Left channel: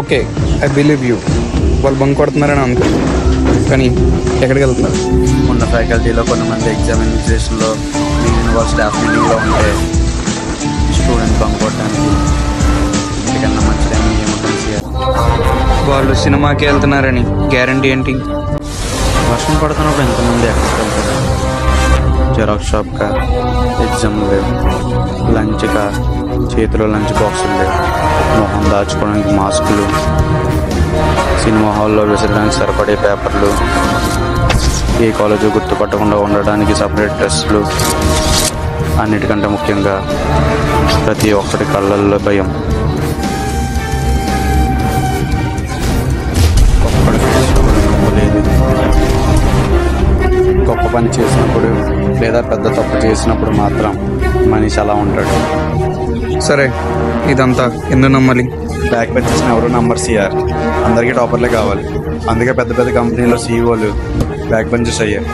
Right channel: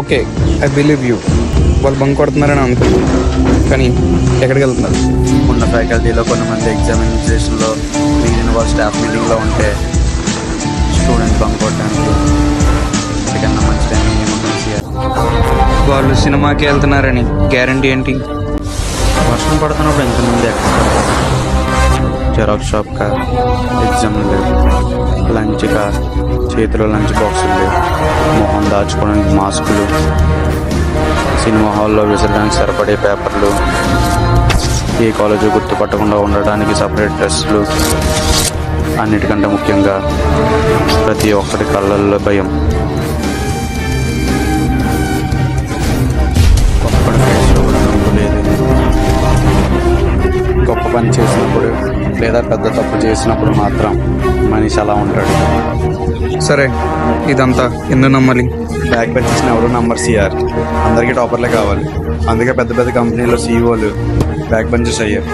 Okay, I believe you. వాళ్ళు bunk కొడుతున్నారని అనుకుంది, కానీ ఎక్కడికి వెళ్తున్నారు? ఉన్న ఫ్యాకల్టీలో కొంతమంది ఎగ్జామినేషన్లో మిగిలిన వాళ్ళు స్టాఫ్ మీటింగ్లో ఉంటే స్టూడెంట్ బంక్ కొట్టడానికి ఇంటికన్నా మంచి టైం ఏముంటుంది సిఆర్? వాళ్ళు సినిమాకి వెళ్తున్నారని గ్యారంటీ ఏంటి? వర్షం పడుతున్నప్పుడు ఎంతమంది ఎక్కడికి వెళ్తారు? జెరాక్స్ షాప్కా, ఎగ్జామ్లు లేవు, లంచ్కా, చేతిలో లంచ్ బాక్సులు లేవు, మొహం దాచుకోవడానికి మాస్కులు, సినిమా హాల్లో విసరడానికి సరిపడే పేపర్లు, ఏ కాలేజీ గుర్తుపట్టకుండా ఉండడానికి సపరేట్ డ్రెస్సులు, అన్నిటికంటే ముఖ్యంగా ప్రతి ఒక్కటి కళ్ళల్లో భయం. ఒక్కడి ఫేస్లో కూడా నువ్వు లేదు. గొప్ప పని చేసినప్పుడు లేదా పెద్ద తప్పు చేసినప్పుడు మాత్రం మనిషి అలా ఉంటాడు. సరే, ఇదంతా ఎందుకు నమ్మాలి? బ్యాక్ బెంచెస్ని ఎవరు నంబర్ సిఆర్, అందరికీ టాపర్లే కావాలి. అందుకే పెద్ద పెద్ద కంపెనీలో సీఈఓలు బ్యాక్ బెంచెస్ అయ్యారు.